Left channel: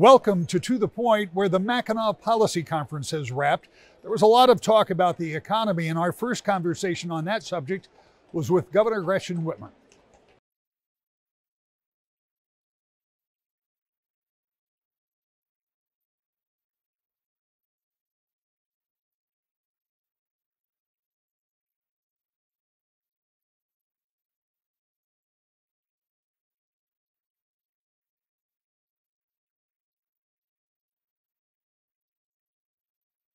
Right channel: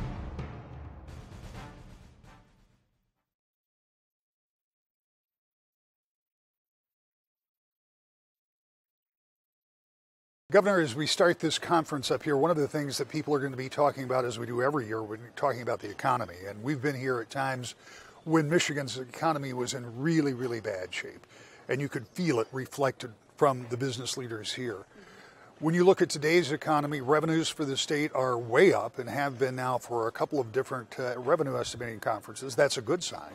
Welcome to the Point, where the Mackinac Policy Conference has wrapped. There was a lot of talk about the economy, and our first conversation on that subject was with Governor Gretchen Whitmer. Governor, as we start this conference up here, one of the things that people are going to be talking about, as we do every year, we're talking about the economy. And we've been here at times when Michigan's economy was in really, really bad shape. And you could feel it reflected from the business leaders here. When you look at today's economy, revenues for the state are way up and have been now for a couple of different revenue estimating conferences. That's a good sign.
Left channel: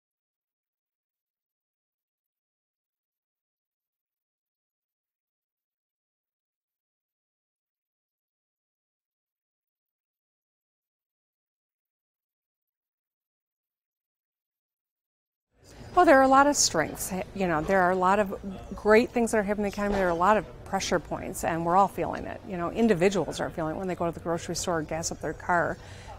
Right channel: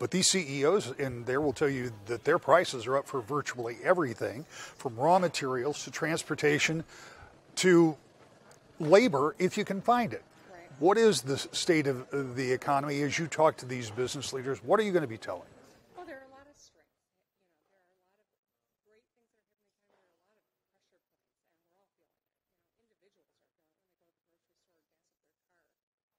But these CEOs in there will tell you that their prices are up for virtually everything, from raw materials to transportation to labor, if you can find it. Right. What is the state of the economy as you talk to these business leaders? What are you going to be telling? Well, there are a lot of strengths. You know, there are a lot of great things that are happening in the economy. There are a lot of pressure points, and we're all feeling it. You know, individuals are feeling it when they go to the grocery store and gas up their car.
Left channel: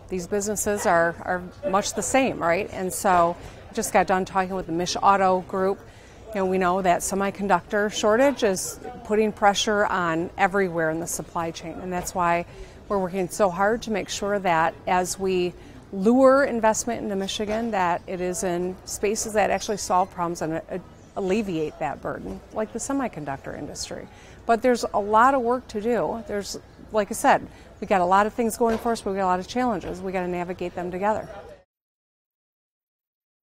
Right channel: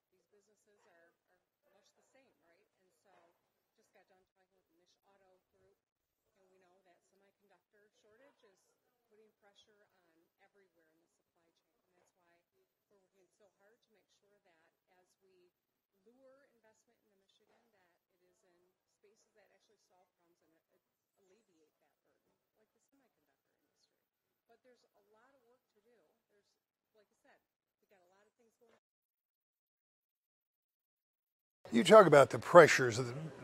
These businesses are much the same, right? And so just got done talking with the Mich Auto Group. You know, we know that semiconductor shortage is putting pressure on everywhere in the supply chain, and that's why we're working so hard to make sure that as we lure investment into Michigan, that it is in spaces that actually solve problems and alleviate that burden, like the semiconductor industry. But there's a lot of work to do. There's, like I said, we got a lot of things going for us, but we got a lot of challenges. We got to navigate them together. You talk about the pressures,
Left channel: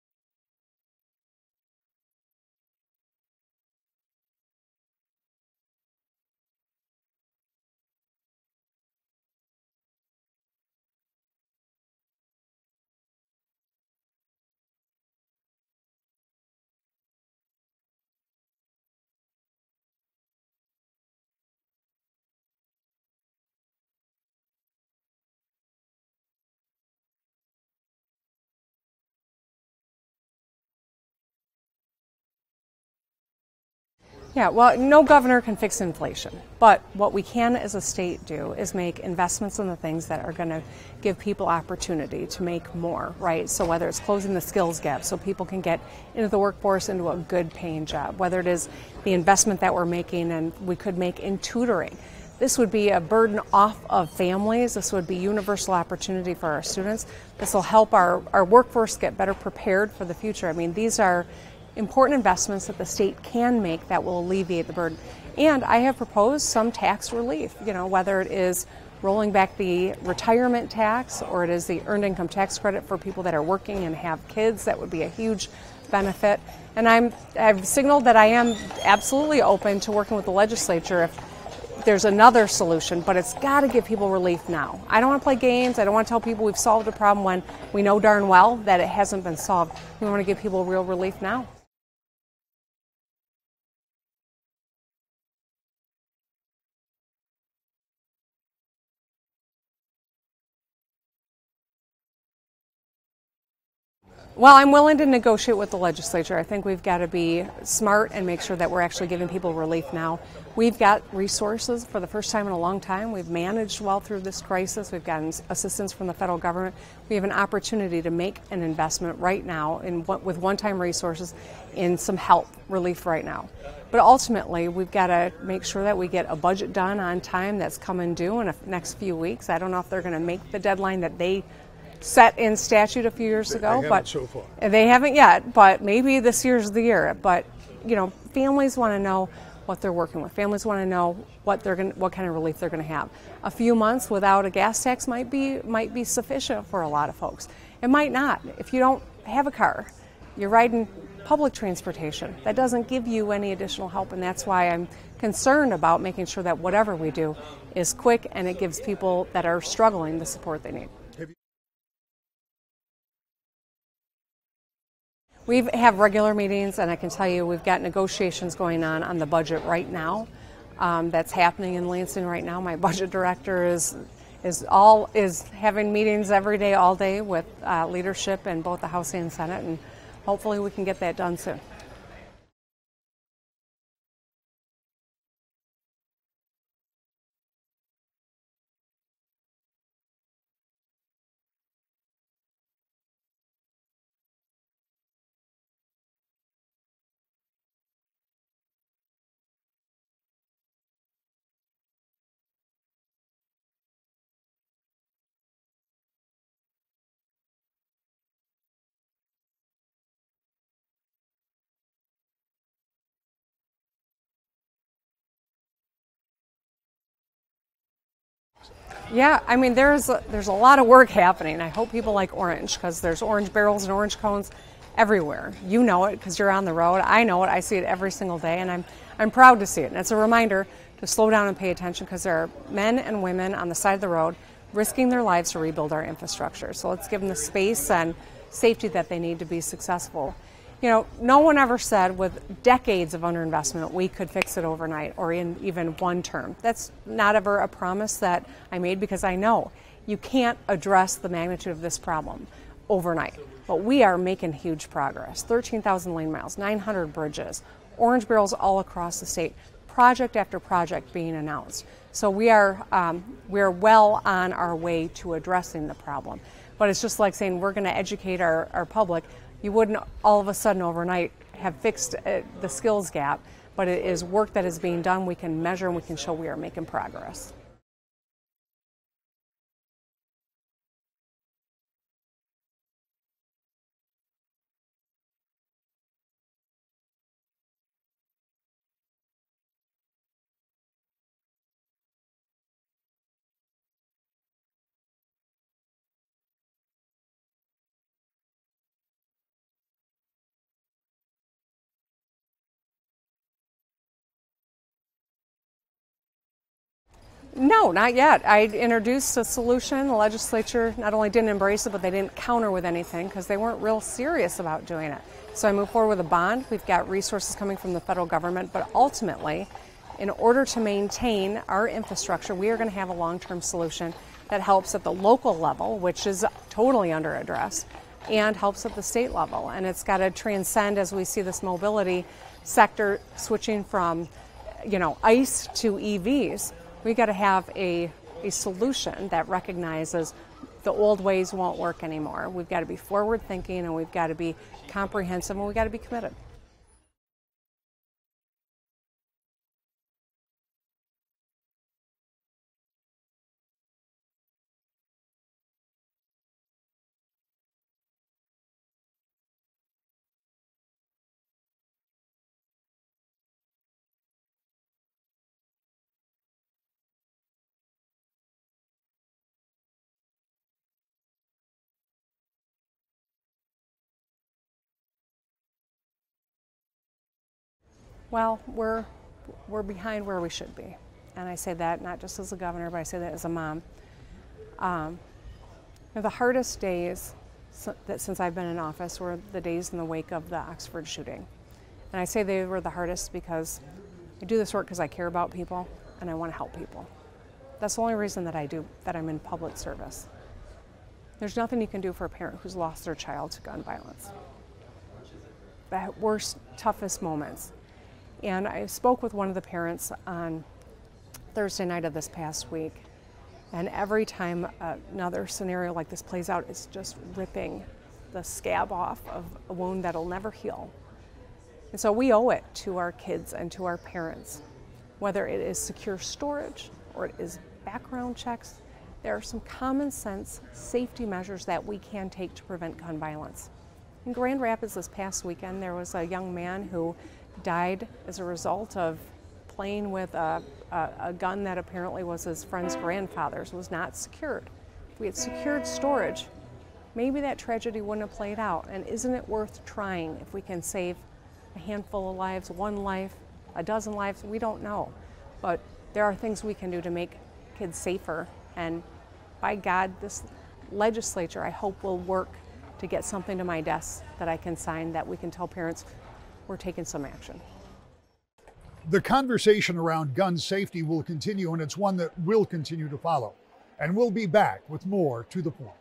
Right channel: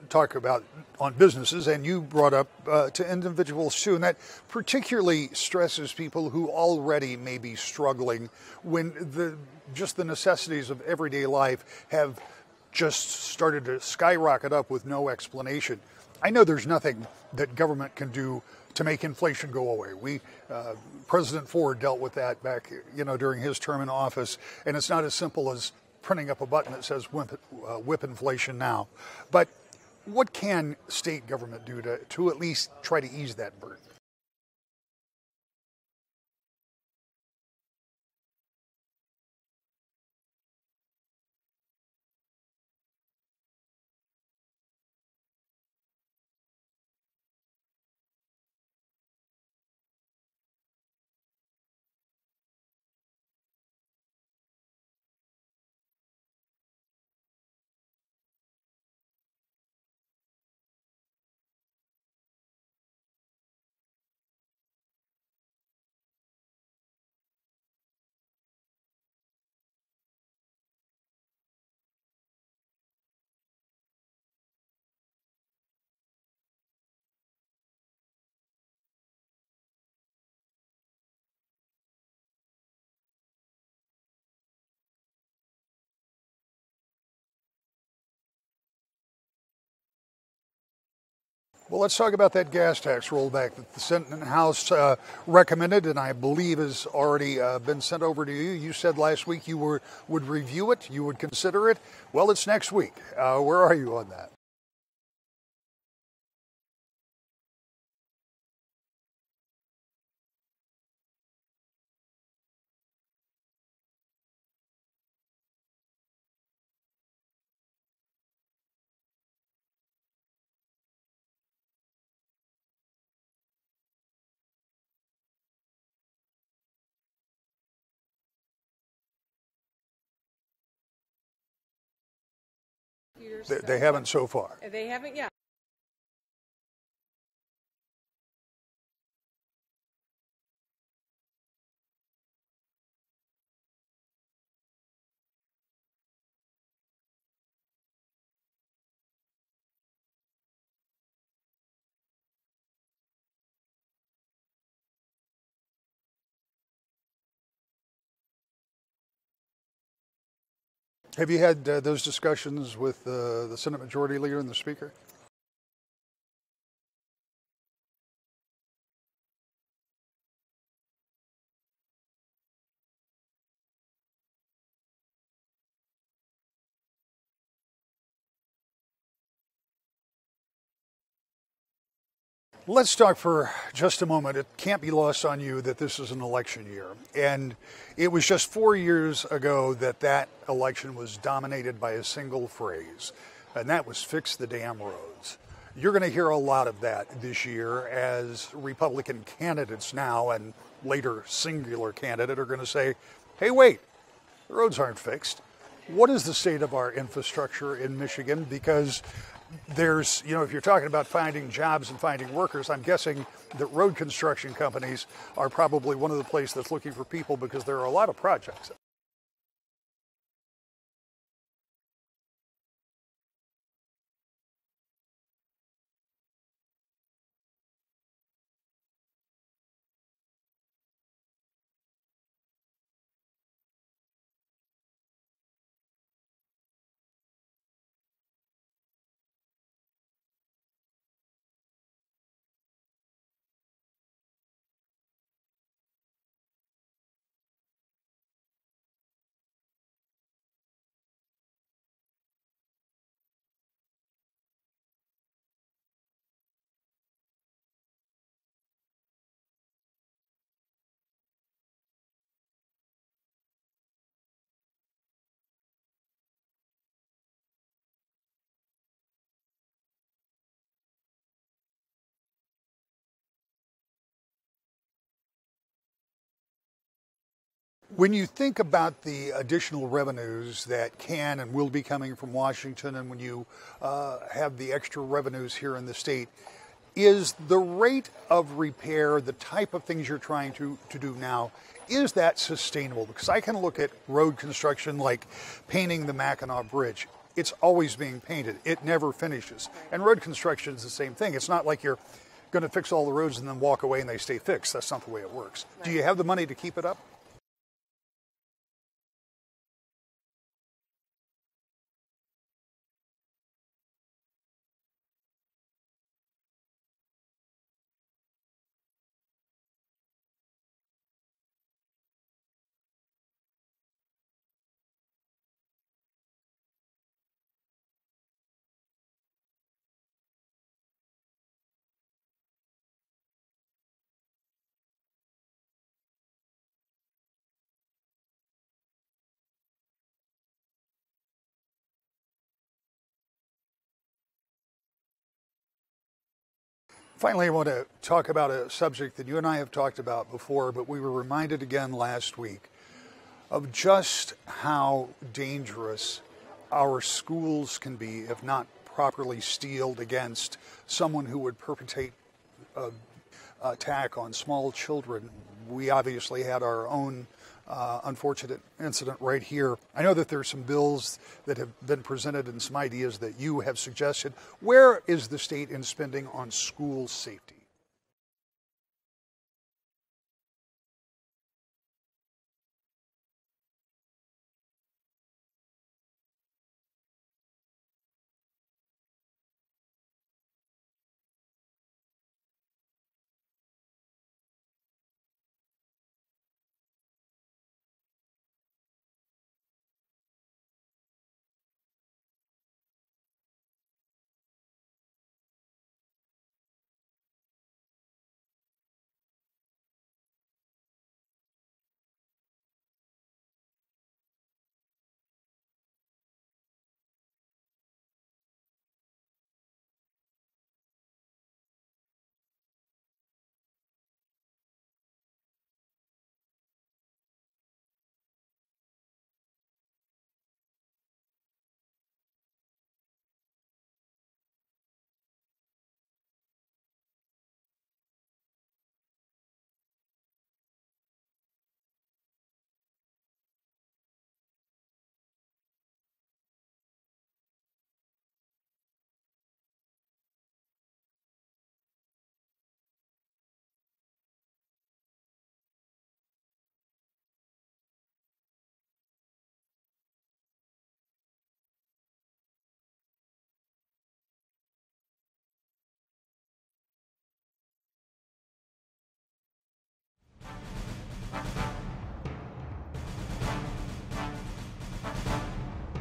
talk about on businesses, and you brought up to individuals too, and that particularly stresses people who already may be struggling when just the necessities of everyday life have just started to skyrocket up with no explanation. I know there's nothing that government can do to make inflation go away. President Ford dealt with that back, during his term in office, and it's not as simple as printing up a button that says whip inflation now. But what can state government do to at least try to ease that burden? Yeah, well, no governor can fix inflation, but what we can as a state do is make investments in the things that are going to give people opportunity to make more, right? So whether it's closing the skills gap so people can get into the workforce, into a good paying job, whether it is the investment that we're making and we could make in tutoring. This would be a burden off of families. This would be universal opportunity for our students. This will help our workforce get better prepared for the future. I mean, these are important investments that the state can make that will alleviate the burden. And I have proposed some tax relief, whether it is rolling back the retirement tax or it is the earned income tax credit for people that are working and have kids. That would be a huge benefit. And I've signaled that I am absolutely open to working with the legislature if there's another solution, but it's got to give people relief now. I don't want to play games. I don't want to tell people we've solved a problem when we know darn well that it hasn't been solved. We want to give people real relief now. Well, let's talk about that gas tax rollback that the Senate and House recommended, and I believe has already been sent over to you. You said last week you would review it, you would consider it. Well, it's next week. Where are you on that? Well, I'm willing to negotiate with the legislature. I think we've got to be smart and make sure that we're actually giving people relief now. We've got resources for the first time in a long time. We've managed well through this crisis. We've gotten assistance from the federal government. We have an opportunity to make an investment right now with one-time resources in some help, relief right now. But ultimately, we've got to make sure that we get a budget done on time that's coming due in the next few weeks. I don't know if they're going to make the deadline that they set in statute a few years ago. They haven't so far. They haven't yet, but maybe this year's the year. But, families want to know what they're working with. Families want to know what kind of relief they're going to have. A few months without a gas tax might be sufficient for a lot of folks. It might not. If you don't have a car, you're riding public transportation. That doesn't give you any additional help, and that's why I'm concerned about making sure that whatever we do is quick and it gives people that are struggling the support they need. Have you had those discussions with the Senate Majority Leader and the Speaker? We have regular meetings, and I can tell you we've got negotiations going on the budget right now. That's happening in Lansing right now. My budget director is having meetings every day, all day with leadership in both the House and Senate, and hopefully we can get that done soon. Let's talk for just a moment. It can't be lost on you that this is an election year, and it was just 4 years ago that election was dominated by a single phrase, and that was fix the damn roads. You're going to hear a lot of that this year as Republican candidates now and later singular candidate are going to say, hey, wait, the roads aren't fixed. What is the state of our infrastructure in Michigan? Because there's, if you're talking about finding jobs and finding workers, I'm guessing that road construction companies are probably one of the places that's looking for people because there are a lot of projects. Yeah, I mean, there's a lot of work happening. I hope people like orange because there's orange barrels and orange cones everywhere. You know it because you're on the road. I know it. I see it every single day, and I'm proud to see it. And it's a reminder to slow down and pay attention because there are men and women on the side of the road risking their lives to rebuild our infrastructure. So let's give them the space and safety that they need to be successful. No one ever said with decades of underinvestment we could fix it overnight or in even one term. That's not ever a promise that I made because I know you can't address the magnitude of this problem overnight. But we are making huge progress. 13,000 lane miles, 900 bridges, orange barrels all across the state, project after project being announced. So we are well on our way to addressing the problem. But it's just like saying we're going to educate our public. You wouldn't all of a sudden overnight have fixed the skills gap, but it is work that is being done. We can measure and we can show we are making progress. When you think about the additional revenues that can and will be coming from Washington, and when you have the extra revenues here in the state, is the rate of repair, the type of things you're trying to do now, is that sustainable? Because I can look at road construction like painting the Mackinac Bridge. It's always being painted. It never finishes. And road construction is the same thing. It's not like you're going to fix all the roads and then walk away and they stay fixed. That's not the way it works. Right. Do you have the money to keep it up? No, not yet. I introduced a solution. The legislature not only didn't embrace it, but they didn't counter with anything because they weren't real serious about doing it. So I moved forward with a bond. We've got resources coming from the federal government, but ultimately, in order to maintain our infrastructure, we are going to have a long-term solution that helps at the local level, which is totally under address, and helps at the state level. And it's got to transcend as we see this mobility sector switching from, ICE to EVs. We've got to have a solution that recognizes the old ways won't work anymore. We've got to be forward-thinking, and we've got to be comprehensive, and we've got to be committed. Finally, I want to talk about a subject that you and I have talked about before, but we were reminded again last week of just how dangerous our schools can be if not properly steeled against someone who would perpetrate an attack on small children. We obviously had our own unfortunate incident right here. I know that there's some bills that have been presented and some ideas that you have suggested. Where is the state in spending on school safety? Well, we're behind where we should be. And I say that not just as a governor, but I say that as a mom. The hardest days since I've been in office were the days in the wake of the Oxford shooting. And I say they were the hardest because I do this work because I care about people and I want to help people. That's the only reason that I'm in public service. There's nothing you can do for a parent who's lost their child to gun violence. The worst, toughest moments. And I spoke with one of the parents on Thursday night of this past week, and every time another scenario like this plays out, it's just ripping the scab off of a wound that'll never heal. And so we owe it to our kids and to our parents, whether it is secure storage or it is background checks. There are some common sense safety measures that we can take to prevent gun violence. In Grand Rapids this past weekend, there was a young man who died as a result of playing with a gun that apparently was his friend's grandfather's, was not secured. If we had secured storage, maybe that tragedy wouldn't have played out. And isn't it worth trying if we can save a handful of lives, one life, a dozen lives? We don't know. But there are things we can do to make kids safer. And by God, this legislature, I hope, will work to get something to my desk that I can sign that we can tell parents we're taking some action. The conversation around gun safety will continue, and it's one that will continue to follow. And we'll be back with more To the Point.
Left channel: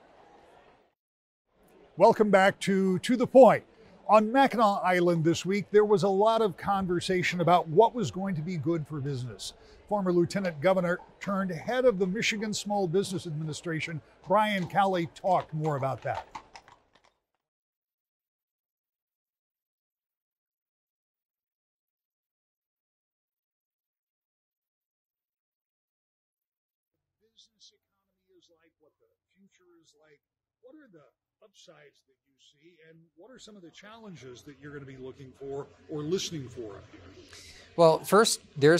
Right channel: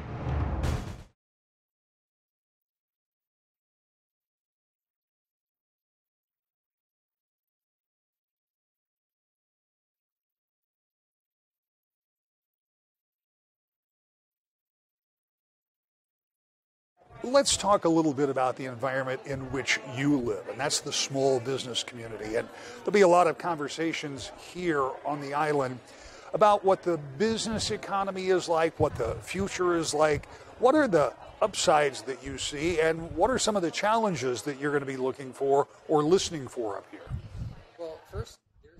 Welcome back to the Point. On Mackinac Island this week, there was a lot of conversation about what was going to be good for business. Former Lieutenant Governor turned head of the Michigan Small Business Administration, Brian Cowley, talked more about that. Let's talk a little bit about the environment in which you live, and that's the small business community. And there'll be a lot of conversations here on the island about what the business economy is like, what the future is like. What are the upsides that you see, and what are some of the challenges that you're going to be looking for or listening for up here? Well, first, there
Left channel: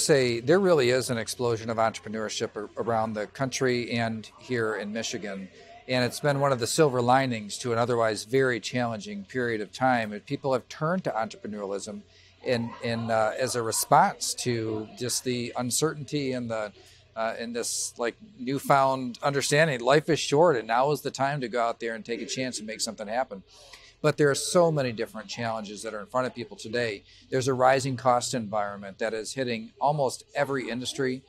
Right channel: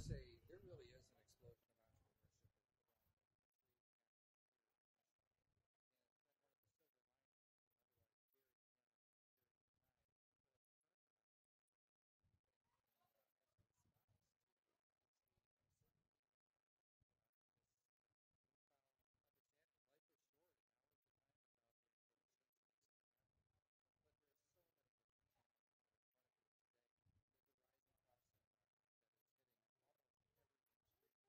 really is an explosion of entrepreneurship around the country and here in Michigan. And it's been one of the silver linings to an otherwise very challenging period of time. And people have turned to entrepreneurialism as a response to just the uncertainty and in this like newfound understanding. Life is short, and now is the time to go out there and take a chance and make something happen. But there are so many different challenges that are in front of people today. There's a rising cost environment that is hitting almost every industry,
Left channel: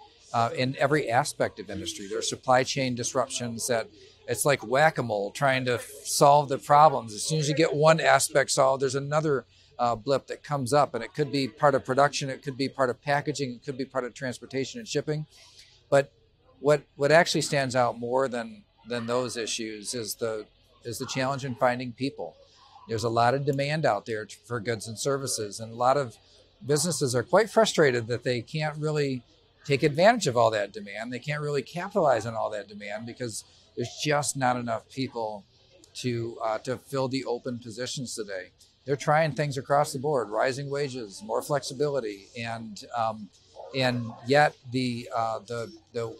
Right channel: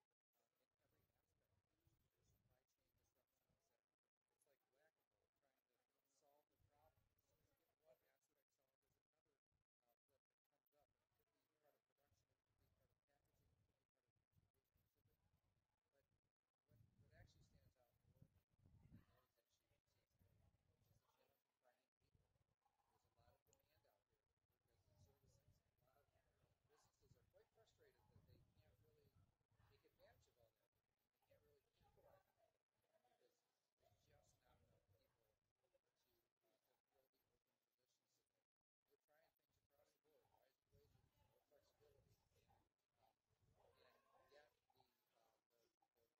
in every aspect of industry. There are supply chain disruptions that it's like whack-a-mole trying to solve the problems. As soon as you get one aspect solved, there's another blip that comes up, and it could be part of production, it could be part of packaging, it could be part of transportation and shipping. But what actually stands out more than those issues is the challenge in finding people. There's a lot of demand out there for goods and services, and a lot of businesses are quite frustrated that they can't really take advantage of all that demand. They can't really capitalize on all that demand because there's just not enough people to fill the open positions today. They're trying things across the board: rising wages, more flexibility, and yet the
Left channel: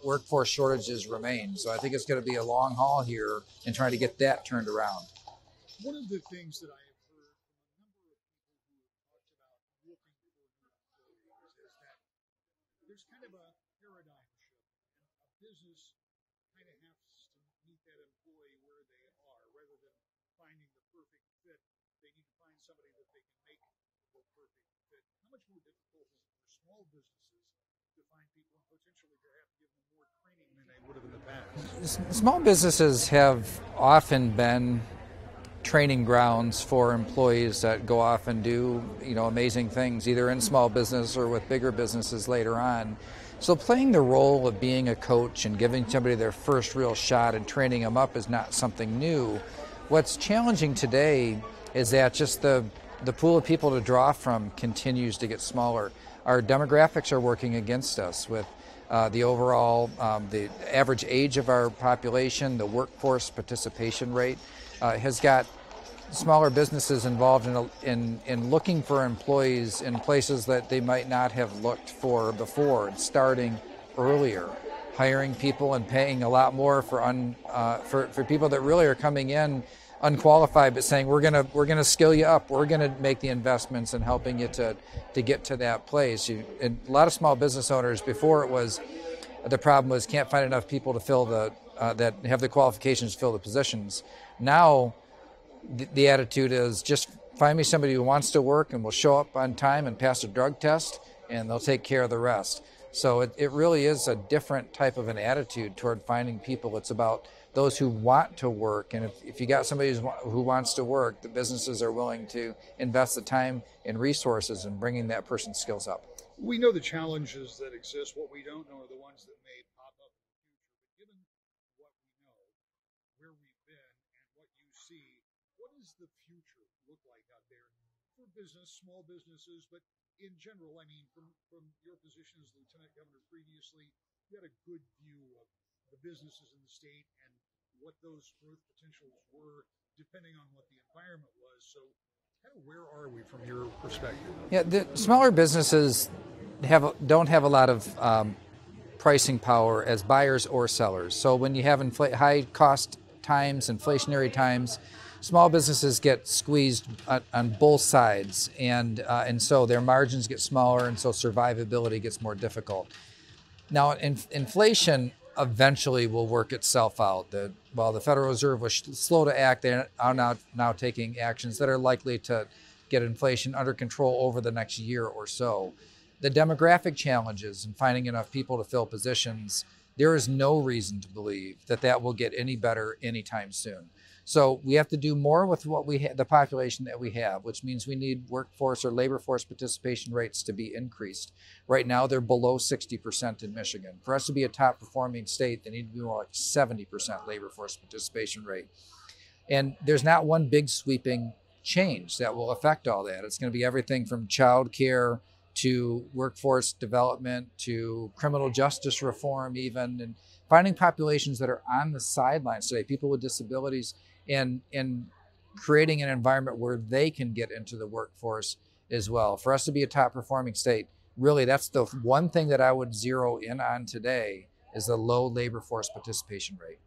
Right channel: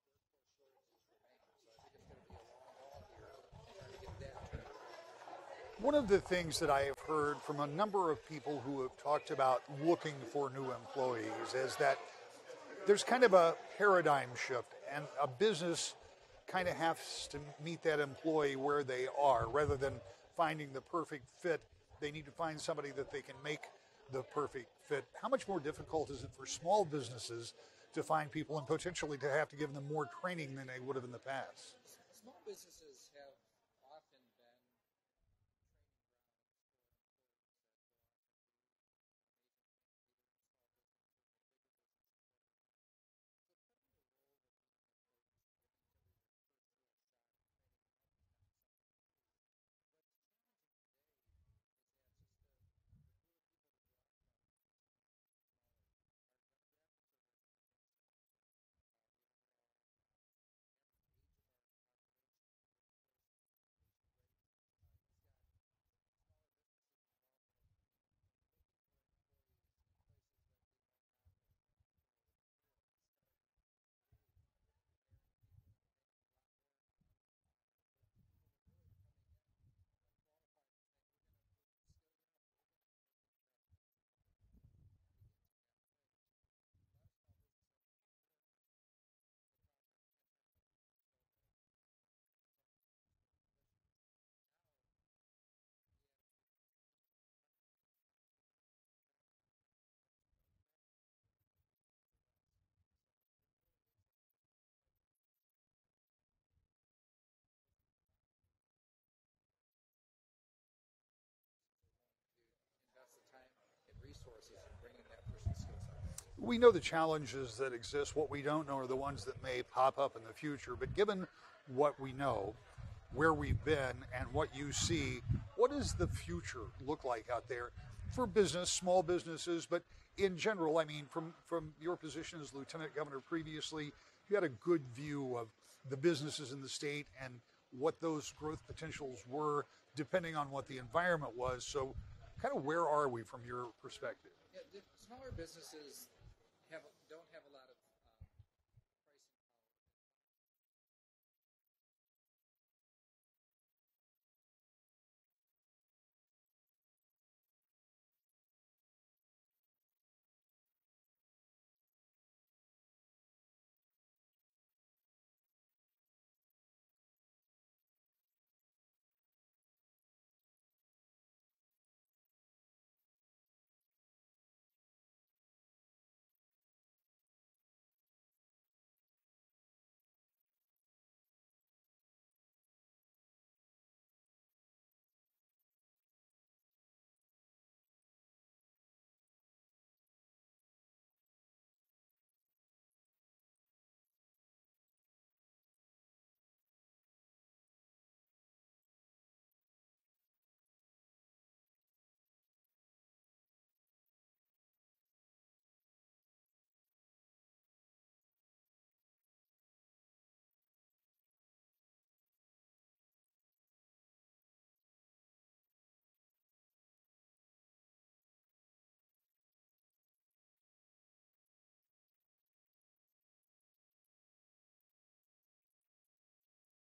workforce shortages remain. So I think it's going to be a long haul here in trying to get that turned around. One of the things that I have heard from a number of people who have talked about looking for new employees is that there's kind of a paradigm shift, and a business kind of has to meet that employee where they are. Rather than finding the perfect fit, they need to find somebody that they can make the perfect fit. How much more difficult is it for small businesses to find people and potentially to have to give them more training than they would have in the past? Small businesses have often been training grounds for employees that go off and do, amazing things, either in small business or with bigger businesses later on. So playing the role of being a coach and giving somebody their first real shot and training them up is not something new. What's challenging today is that just the pool of people to draw from continues to get smaller. Our demographics are working against us with the overall, the average age of our population, the workforce participation rate has got smaller businesses involved in looking for employees in places that they might not have looked for before, and starting earlier, hiring people and paying a lot more for people that really are coming in unqualified, but saying we're gonna skill you up, we're gonna make the investments in helping you to get to that place. And a lot of small business owners before, the problem was can't find enough people to fill that have the qualifications to fill the positions. Now, the attitude is just find me somebody who wants to work and will show up on time and pass a drug test, and they'll take care of the rest. So it really is a different type of an attitude toward finding people. It's about those who want to work, and if you got somebody who wants to work, the businesses are willing to invest the time and resources in bringing that person's skills up. We know the challenges that exist. What we don't know are the ones that may pop up in the future. But given what we know, where we've been, and what you see, what does the future look like out there for business, small businesses, but in general? I mean, from your position as Lieutenant Governor previously, you had a good view of the businesses in the state and what those growth potentials were, depending on what the environment was. So kind of where are we from your perspective? Yeah, the smaller businesses don't have a lot of pricing power as buyers or sellers. So when you have high cost times, inflationary times, small businesses get squeezed on both sides, and so their margins get smaller, and so survivability gets more difficult. Now, inflation eventually will work itself out. While the Federal Reserve was slow to act, they are now taking actions that are likely to get inflation under control over the next year or so. The demographic challenges and finding enough people to fill positions, there is no reason to believe that will get any better anytime soon. So we have to do more with what the population that we have, which means we need workforce or labor force participation rates to be increased. Right now, they're below 60% in Michigan. For us to be a top performing state, they need to be more like 70% labor force participation rate. And there's not one big sweeping change that will affect all that. It's going to be everything from child care to workforce development, to criminal justice reform even, and finding populations that are on the sidelines today, people with disabilities, and creating an environment where they can get into the workforce as well. For us to be a top performing state, really that's the one thing that I would zero in on today is the low labor force participation rate.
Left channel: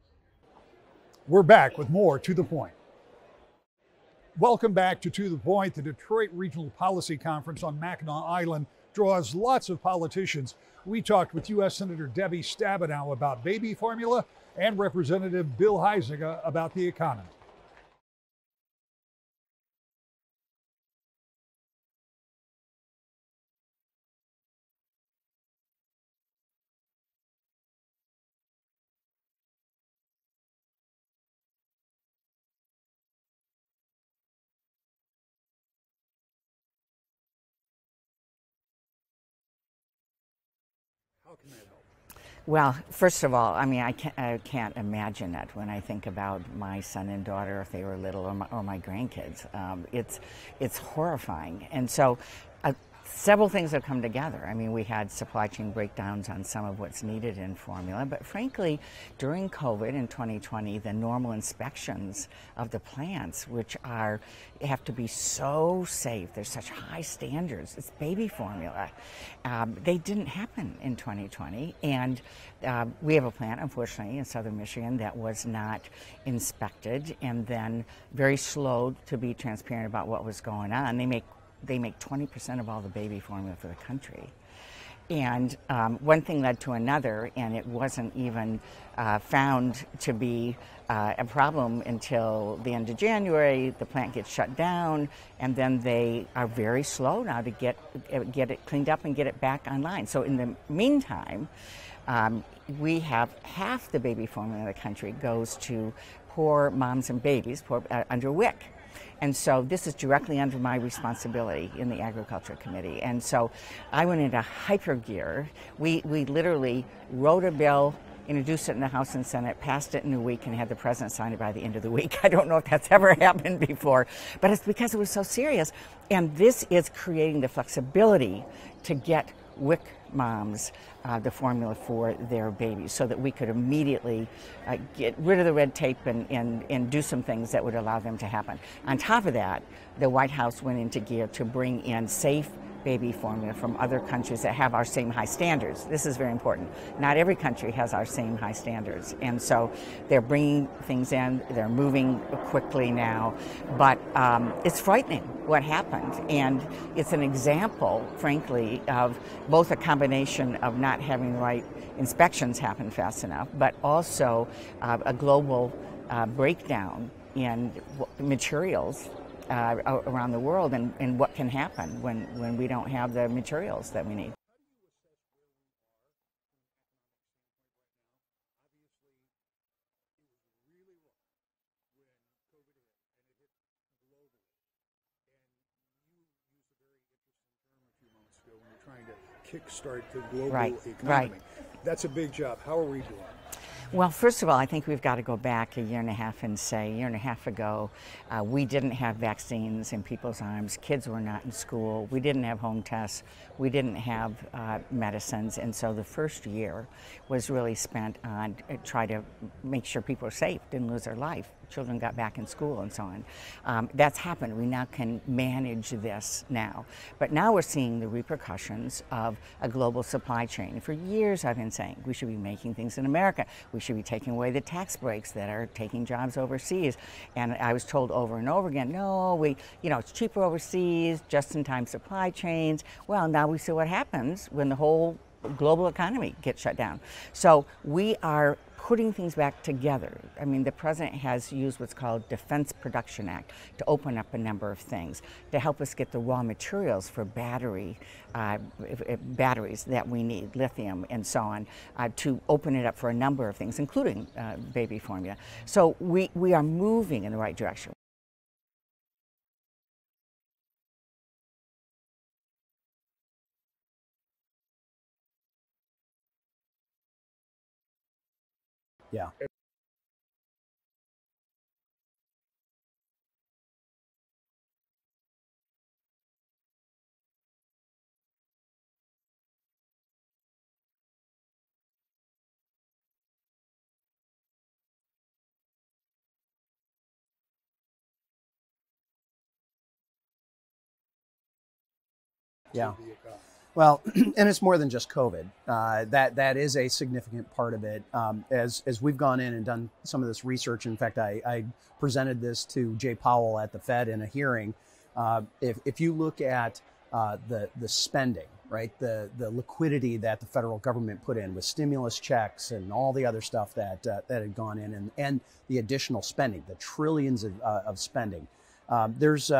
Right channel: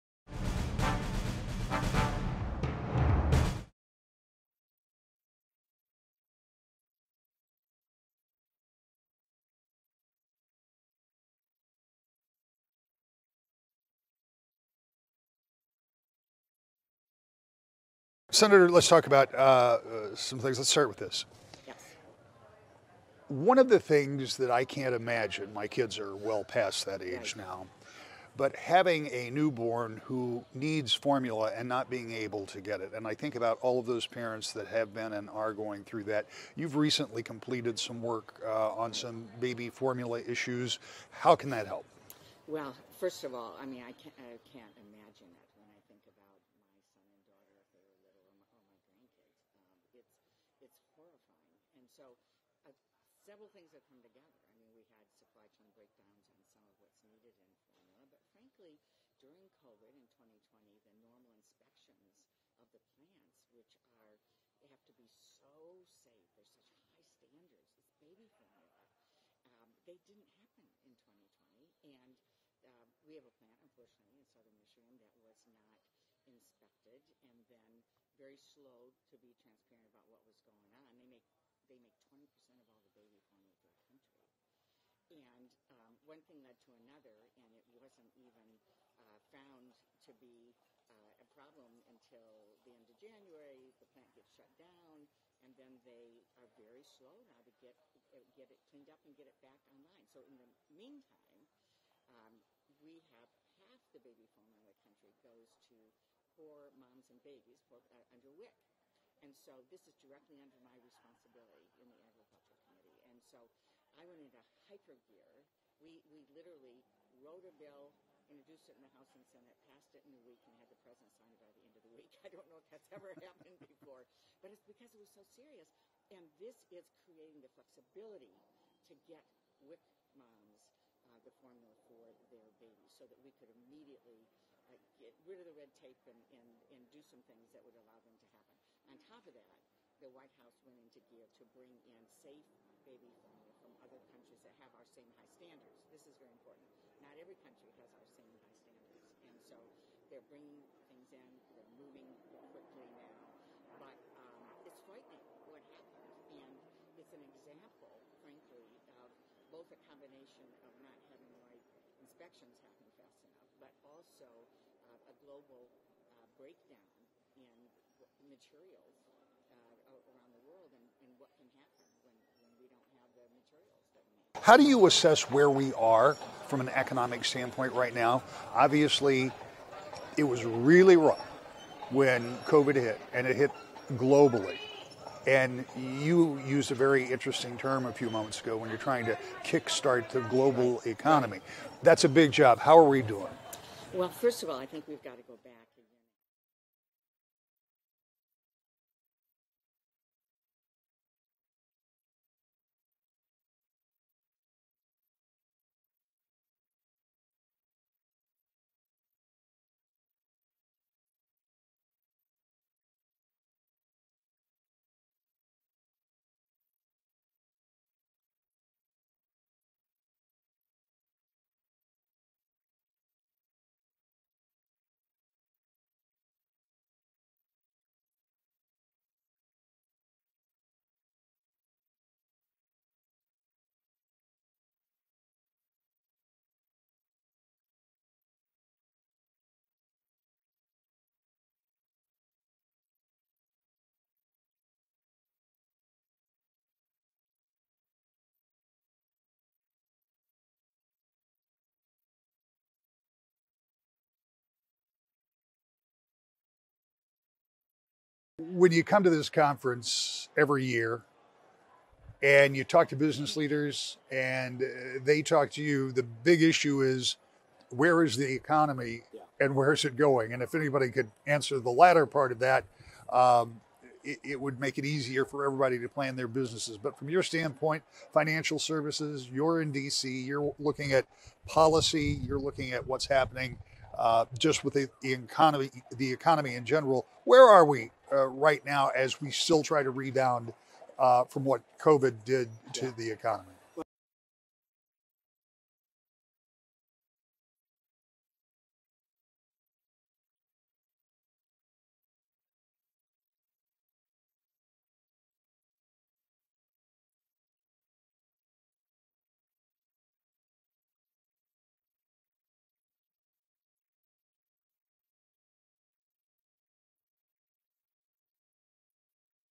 We're back with more To The Point. Welcome back to The Point. The Detroit Regional Policy Conference on Mackinac Island draws lots of politicians. We talked with U.S. Senator Debbie Stabenow about baby formula and Representative Bill Huizenga about the economy. Senator, let's talk about some things. Let's start with this. Yes. One of the things that I can't imagine, my kids are well past that age now, but having a newborn who needs formula and not being able to get it. And I think about all of those parents that have been and are going through that. You've recently completed some work on some baby formula issues. How can that help? Well, first of all, I mean, I can't imagine it when I think about my son and daughter, if they were little, or my grandkids. It's horrifying. And so several things have come together. I mean, we had supply chain breakdowns on some of what's needed in formula, but frankly, during COVID in 2020, the normal inspections of the plants, which have to be so safe, there's such high standards, it's baby formula, they didn't happen in 2020. And we have a plant, unfortunately, in southern Michigan that was not inspected and then very slow to be transparent about what was going on. They make 20% of all the baby formula for the country. And one thing led to another, and it wasn't even found to be a problem until the end of January. The plant gets shut down, and then they are very slow now to get it cleaned up and get it back online. So in the meantime, we have half the baby formula in the country goes to poor moms and babies under WIC. And so this is directly under my responsibility in the Agriculture Committee. And so I went into hyper gear. We literally wrote a bill, introduced it in the House and Senate, passed it in a week, and had the president sign it by the end of the week. I don't know if that's ever happened before, but it's because it was so serious. And this is creating the flexibility to get WIC moms the formula for their babies so that we could immediately get rid of the red tape and do some things that would allow them to happen. On top of that, the White House went into gear to bring in safe baby formula from other countries that have our same high standards. This is very important. Not every country has our same high standards. And so they're bringing things in, they're moving quickly now, but it's frightening what happened. And it's an example, frankly, of both a combination of not having the right inspections happen fast enough, but also a global breakdown in materials around the world and what can happen when we don't have the materials that we need. How do you assess where we are from an economic standpoint right now? Obviously, it was really rough when COVID hit, and it hit globally. And you used a very interesting term a few moments ago when you're trying to kickstart the global economy. Right. That's a big job. How are we doing? Well, first of all, I think we've got to go back a year and a half and say, a year and a half ago, we didn't have vaccines in people's arms. Kids were not in school. We didn't have home tests. We didn't have medicines. And so the first year was really spent on trying to make sure people were safe, didn't lose their life. Children got back in school and so on. That's happened. We now can manage this now. But now we're seeing the repercussions of a global supply chain. For years I've been saying we should be making things in America. We should be taking away the tax breaks that are taking jobs overseas. And I was told over and over again, no, it's cheaper overseas, just-in-time supply chains. Well, now we see what happens when the whole global economy gets shut down. So we are putting things back together. I mean, the president has used what's called Defense Production Act to open up a number of things to help us get the raw materials for batteries that we need, lithium and so on, to open it up for a number of things, including baby formula. So we are moving in the right direction. When you come to this conference every year and you talk to business leaders and they talk to you, the big issue is, where is the economy and where is it going? And if anybody could answer the latter part of that, it would make it easier for everybody to plan their businesses. But from your standpoint, financial services, you're in DC, you're looking at policy, you're looking at what's happening just with the economy in general. Where are we right now as we still try to rebound from what COVID did to the economy? Well, and it's more than just COVID. That is a significant part of it. As we've gone in and done some of this research, in fact, I presented this to Jay Powell at the Fed in a hearing. If you look at the spending, right, the liquidity that the federal government put in with stimulus checks and all the other stuff that had gone in, and the additional spending, the trillions of spending, there's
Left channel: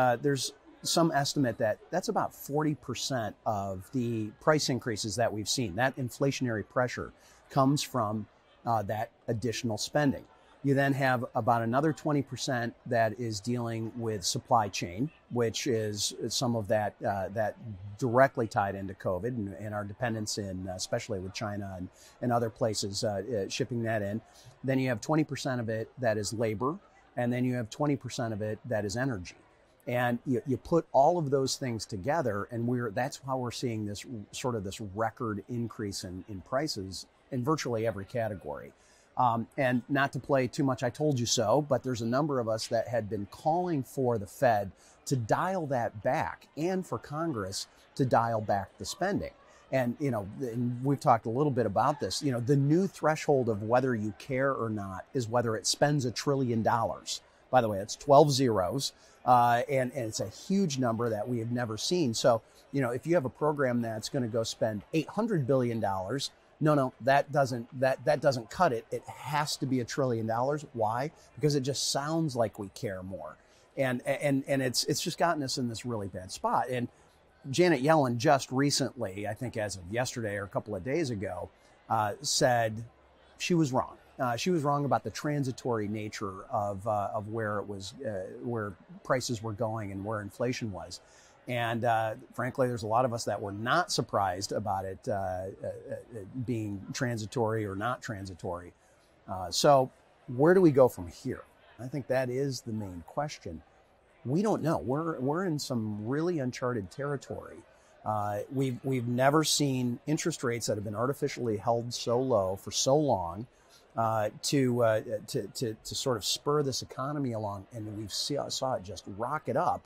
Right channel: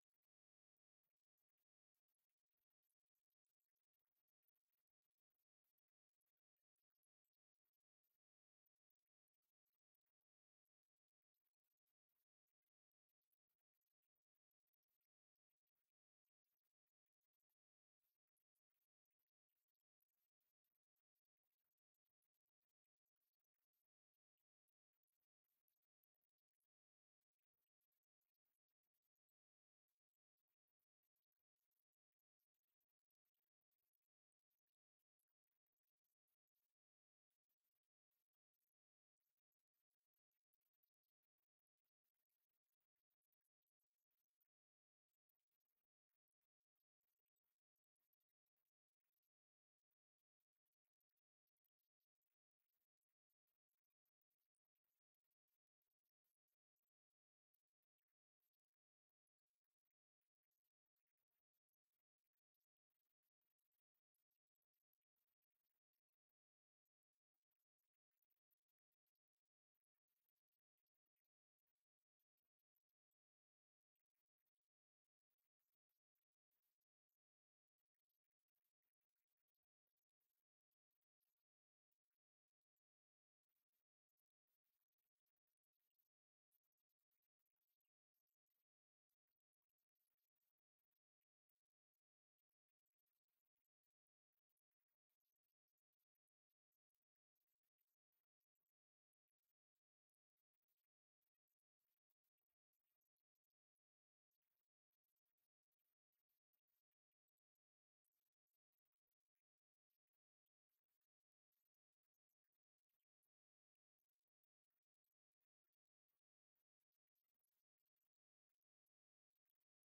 some estimate that that's about 40% of the price increases that we've seen. That inflationary pressure comes from that additional spending. You then have about another 20% that is dealing with supply chain, which is some of that directly tied into COVID and our dependence in, especially with China and other places shipping that in. Then you have 20% of it that is labor, and then you have 20% of it that is energy. And you put all of those things together, and that's how we're seeing this sort of this record increase in prices in virtually every category. And not to play too much I told you so, but there's a number of us that had been calling for the Fed to dial that back, and for Congress to dial back the spending. And, and we've talked a little bit about this, the new threshold of whether you care or not is whether it spends $1 trillion. By the way, it's 12 zeros. And it's a huge number that we have never seen. So, if you have a program that's going to go spend $800 billion, no, that doesn't cut it. It has to be $1 trillion. Why? Because it just sounds like we care more. And it's just gotten us in this really bad spot. And Janet Yellen just recently, I think as of yesterday or a couple of days ago, said she was wrong. She was wrong about the transitory nature of where it was, where prices were going and where inflation was. And frankly, there's a lot of us that were not surprised about it being transitory or not transitory. So where do we go from here? I think that is the main question. We don't know. We're in some really uncharted territory. We've never seen interest rates that have been artificially held so low for so long. To sort of spur this economy along, and we saw it just rocket up,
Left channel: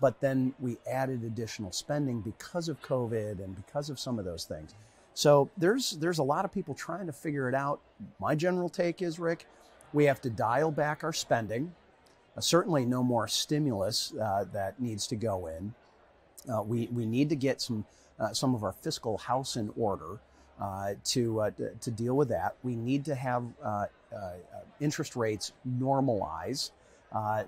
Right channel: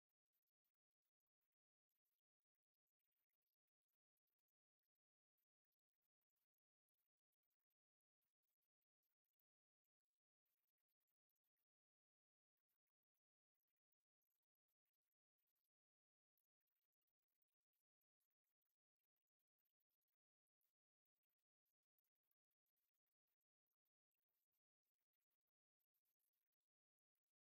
but then we added additional spending because of COVID and because of some of those things. So there's a lot of people trying to figure it out. My general take is, Rick, we have to dial back our spending. Certainly no more stimulus that needs to go in. We need to get some of our fiscal house in order. To deal with that. We need to have interest rates normalize.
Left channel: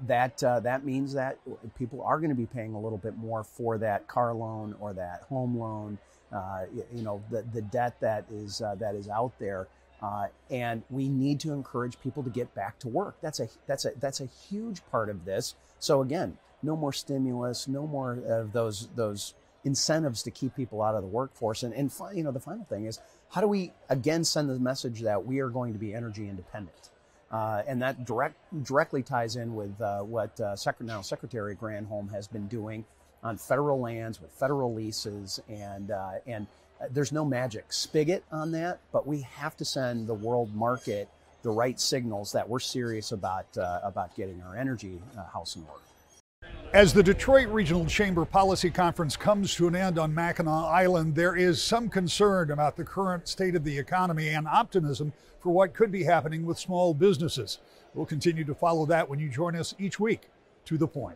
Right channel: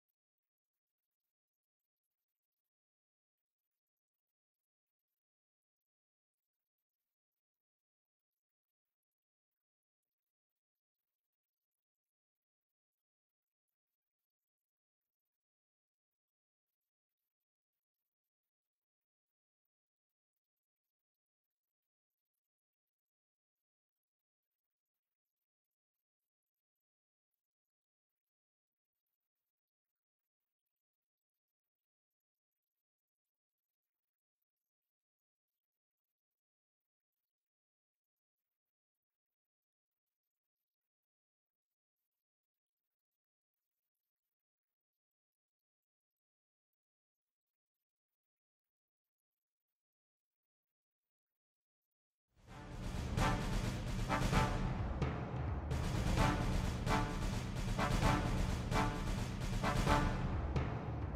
That means that people are going to be paying a little bit more for that car loan or that home loan. The debt that is out there, and we need to encourage people to get back to work. That's a huge part of this. So again, no more stimulus, no more of those incentives to keep people out of the workforce. And the final thing is, how do we again send the message that we are going to be energy independent? And that directly ties in with what Secretary Granholm has been doing on federal lands with federal leases, and there's no magic spigot on that, but we have to send the world market the right signals that we're serious about getting our energy house in order. As the Detroit Regional Chamber Policy Conference comes to an end on Mackinac Island, there is some concern about the current state of the economy and optimism for what could be happening with small businesses. We'll continue to follow that when you join us each week. To the Point.